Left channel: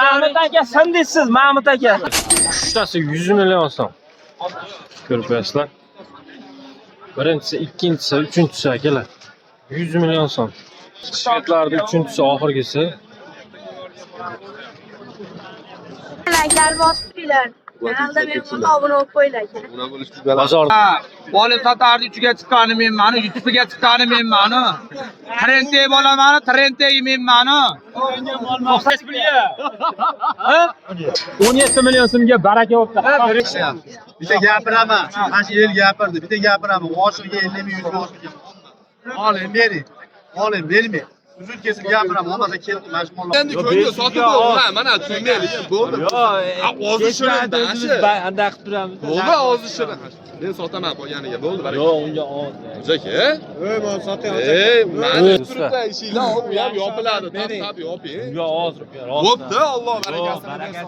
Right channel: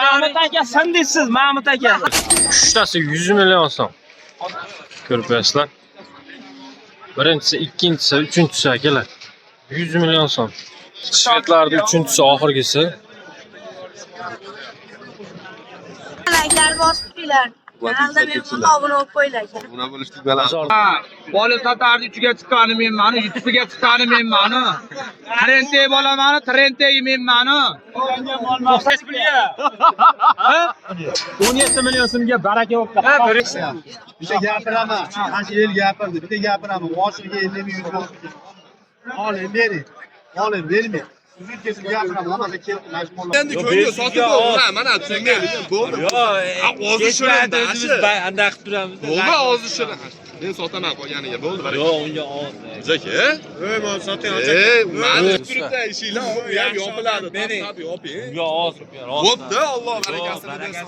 Mahmut aka sen deysiz, Mahmut aka. Uchtasi 100 million so'm. Ko'rib qo'yasizlar. Birinchisi, ikkinchisi, uchinchisi akalar. 100 million so'm. Shvedlarda uchinchisi oxirgisi. Like'lar bosib qo'yinglar. Kanalda mehmon obuna bo'lib qo'yinglar. Bozorda bola sotardi, uchiga chiqqani men mani, YouTube'ga chiqqani men mani. Trendga bo'lamani, trendga men mani. 17 million so'mga baraka bo'libdi. Bitta gapiraman. Qancha yil gapirdi. Bitta gapiraman. Oshiga 50 ming 100 ming. Oling bering. Oling bermang. Uzun kesib gapiraman. Bo'lmasa kelib mashg'ullar. Endi ko'ngil sotib bo'ldi. Mana tushunmaylik. Bo'ldi. Ozi shirin dashi. Anda qilib turamiz. Bo'ldi ozi shirin. Men sotaman qolganiga bo'ldi. Yo'q, unga oz. Aka. Men sotay. Mana turibdi ishinglar u ham yopiladi. Tashlab yoping. Unga oz rupiya. Bo'pti, Alloh barakasini bersin.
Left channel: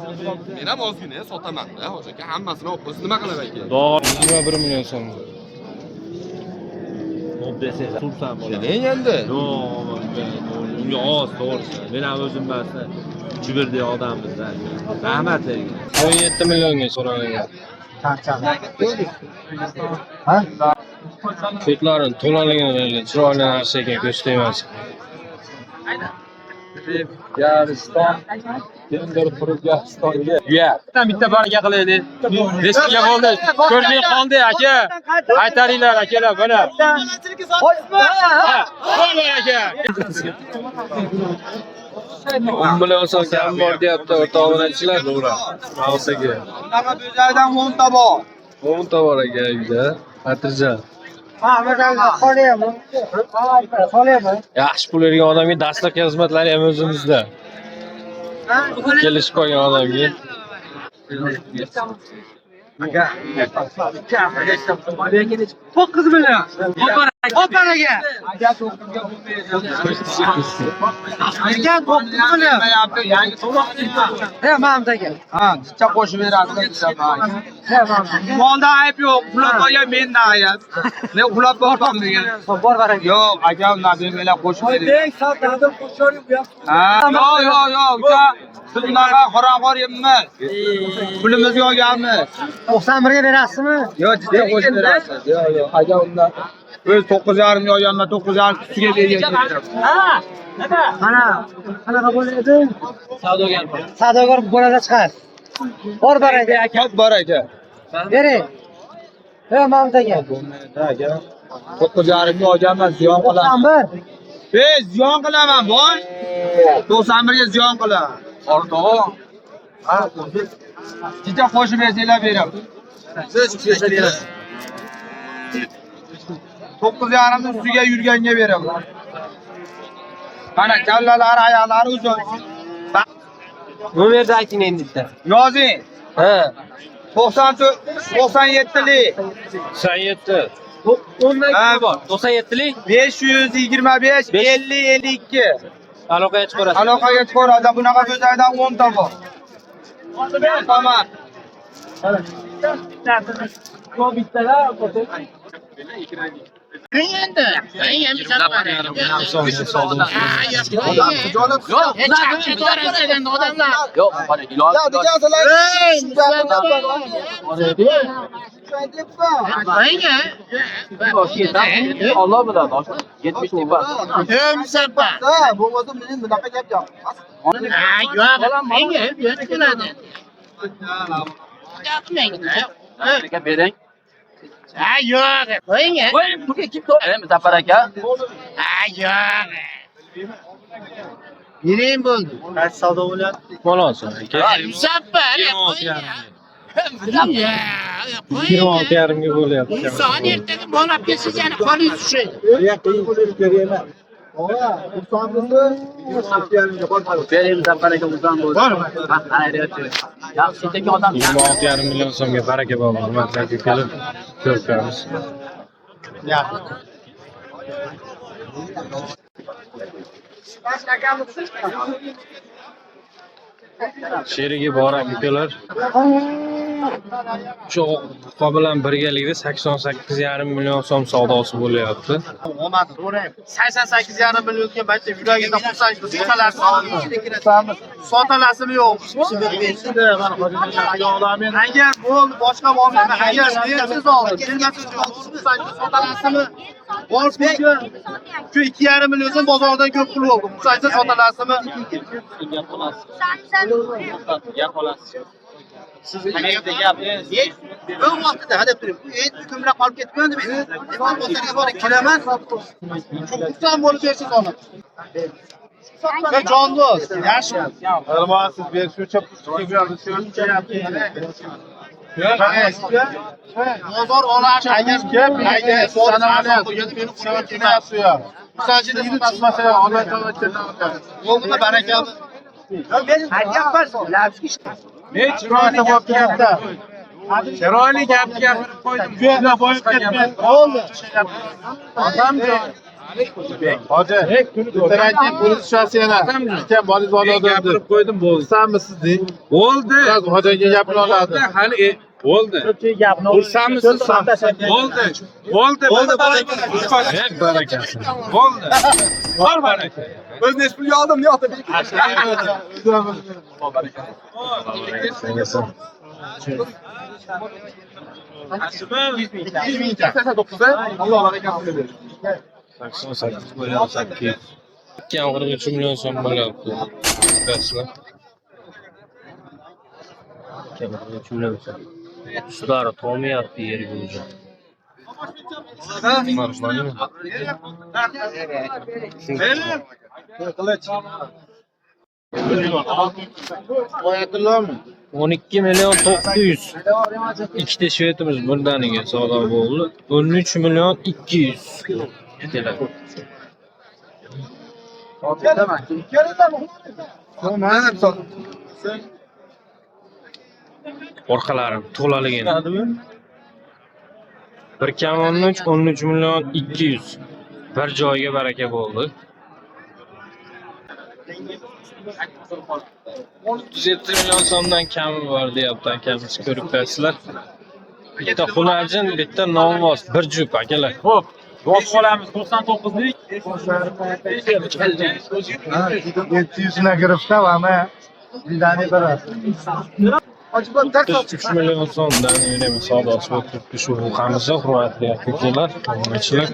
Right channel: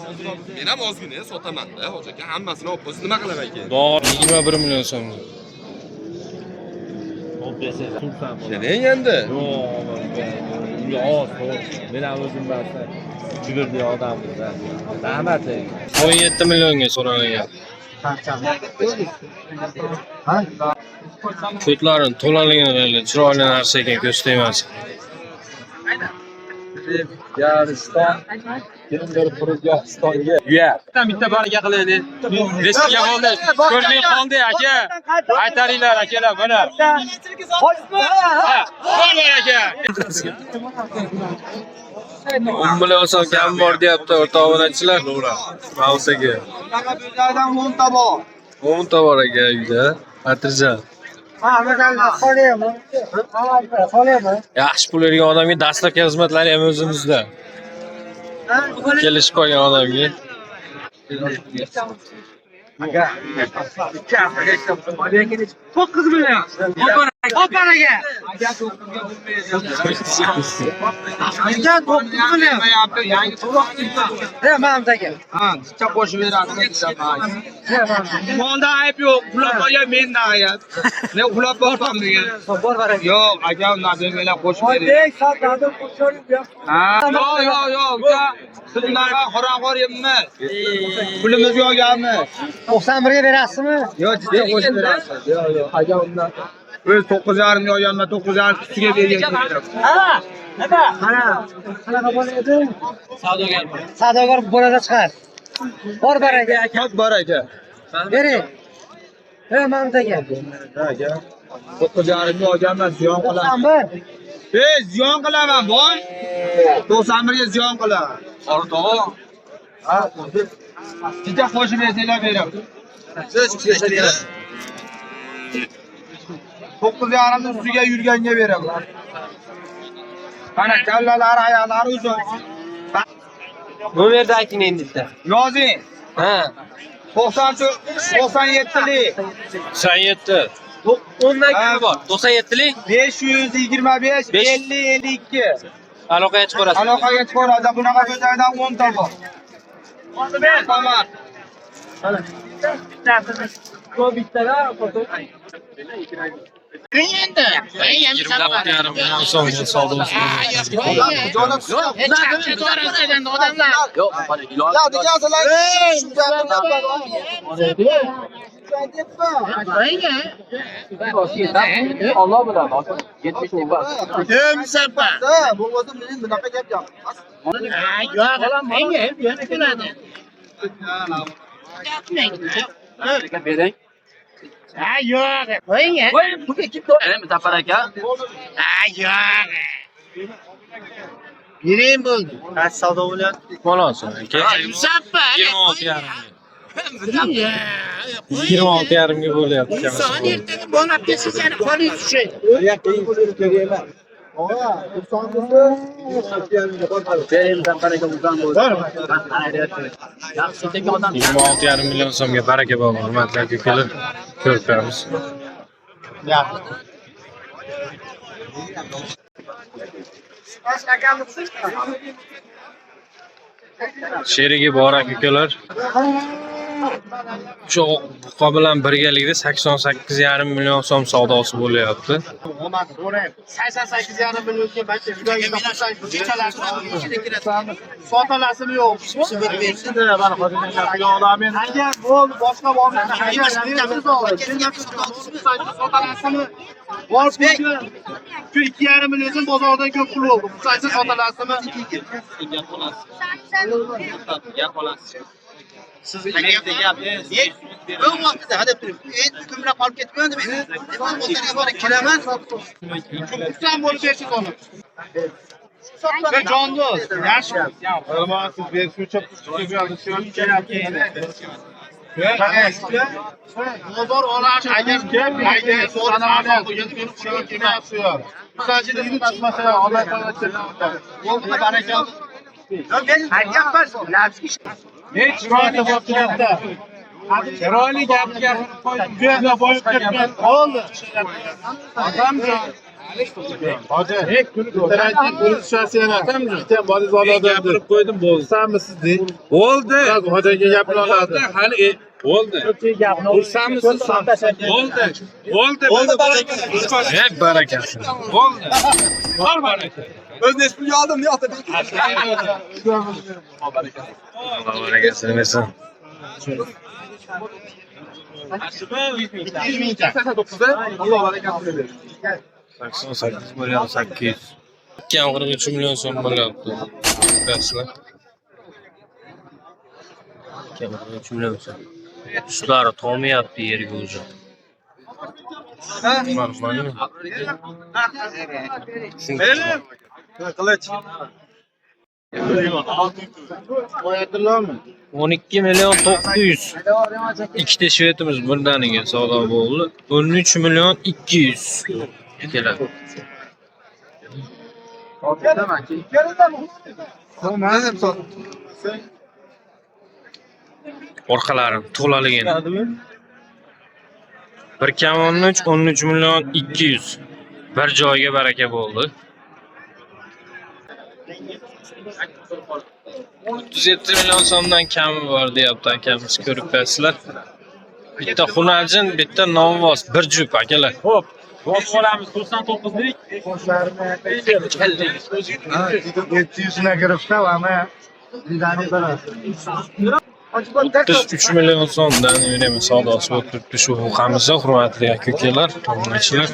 Men ham ozgina sotaman-da, aka. Hammasini olib qo'ysiz nima qilay aka? 21 million so'm. Keling endi. Unga oz, to'g'risi. Men ham o'zim barsa chibirdi odammiz-da. Rahmat bergan. 17 millionga so'ralgan. Ko'tlarini to'laligini chiroyli narsa ekan, ko'z tegmas. Bitta bolaga qilaylik. Riskiga qoldi. Ko'rmay qoldi aka. Aytaringlar akalar buni. Qo'ying aka. 10 million so'm kam bor deyapti o'rta obunachilar. Mavsaga. Bunaqa bo'zaydan 10 ta bor. 10 ta bor aka uyda. Xatirjam. Yaxshi pul bergan odamga dastlabki xizmatlari ham o'zimizda. Kelishib qolgan odamga. To'qqiz million. Oparaga. Aka 9 million. Yangi to'loq. Mamdaga. Ha, chicha qo'shib beradi. Molda ayb yo'q. Uxlab qo'ygan menda ayb. Men uxlab qolmagan. Yo'q, aka undan bermanglar qo'shib bering. Ha, yo'q. Siz bunaqa qorong'or yemmiz. Pulimizga olganmiz. 91 ga berasizmi? Yo'q, chicha qo'shib berasiz. Yo'q, aka undan. O'z 9,5 million yonma 9,5 ustiga bergan beraman. Mana qanaqa bo'ladi? Savdogar bo'ladi chiqar. Bor baraka. Aka bor aka. Bering. Mamda aka. 9,5 ga olganman, ziyon qilaman. 91. Ziyon qilaman, boy. 91 ga ziyon qilaman. Ortoq. Chicha qo'shib bersanglar beraman. 9,5 ustiga yurganga beraman. Mana kallalari, oyoqlari uzun. Bu yerda ayting endi. Yozing. Ha. 97lik. 97. 10dan kim bor? 97lik 525 50 52. aloqaga chiqarasiz. Aloqaga chiqaradi. Bunaqa bo'zaydan 10 ta bor. Tamam. Bu bittalar foto. 26,5 million so'mga savdosi. Allah bilan 70 ming bor. Bo'lmasa men bunaqa gap yo'q. Bering. Yo'q. Qo'ying. Qo'ying, tuga kim to'p? Muzaffar aka. Yo'q. Nima bo'ldi? Qaysi savdo bo'lyapti? Bo'lsin aka. Muzaffar. 26,5 ga bo'lyapti. Son ertaga borib kelsangiz yana qo'lingiz tushadi. Bering Muzaffar aka uzan bo'ldi. Yaxshi tekin odam. 26,5 million so'mga baraka bor, hurmatli aka-ukalar. Ko'rib turamiz. Sherigi bor aka-ukalar. Shu buqa bilan birgalikda 88,5 million so'm savdosi bo'lyapti. Omad so'rang. 88,5 millionga bacha yuragida xursand sotalasizmi? Sotalasizmi yo'q? Mana hozirgi odamlar agar bo'ldi boshqa bo'lmasa agar siz oldi, sotalasizmi? Borsiga shu 2,5 million bozordan ko'p pul oldi. Xursand sotalasizmi? Gap olasiz. Siz qayerda gapingiz? Yo'q vaqtida hadab turib, ko'mra qolib ketgan deb. Bozorga borib kiraman. Xursand bo'lib bersiz ona. Sen jondo'z, yaxshi. Almasiz ber shuncha pul keldi, bozor olash agar agar sanoqlar qo'yadi, meni qo'lga kelmayapti ya. Sanjida tutmasa Alloh taolo cherdan. Bo'ldi barakalla. Chiroyli bo'lib ketdi. Chiroyli gap gapirib qo'ydim. Ko'zga boyib ketgan. Bo'ldi. Odamga Hoji, birinchi polis tushasi yana. Ekan bolingiz odamdir. Gapirib qo'ydim, bo'ldi. Sanmisiz deng. Bo'ldi. Hojiga gapini oladi. Hali bo'ldi. Ursamisiz? Bo'ldi. Bo'ldi. Ey barakasi. Bo'ldi. Bor baraka. O'zingiz pulga oldim, yo'qda. Barakasi nesa? 200 ming. 89 da Alloh barakasini bersin. 88 million 800. 43 million so'm bo'lyapti. Dastlab 43 million so'm. Ustlari to'mayapti yerga o'zi. normalmi? Qilich. Qo'yadilarmi? 12 million 900. Ikkita shvetimiz birdaniga savdo bo'ldi. 13 million 200 keladi. Orqalari to'laligini. 1,13 million 200. Bir joyga baraka bo'ldi. 37 million so'mdan kami bor deyapti akamiz, ko'rib bersizlar. Bitta xunajin, bitta novvoz, bir jup akalar. Xo'p. Bosh qolamiz 99lik. 700 na giribdi, ana vidani berasiz. 33 million so'mdan yurimi savdosi bo'lib turibdi shu buqamizda, hurmatli aka-ukalar, obunachilar.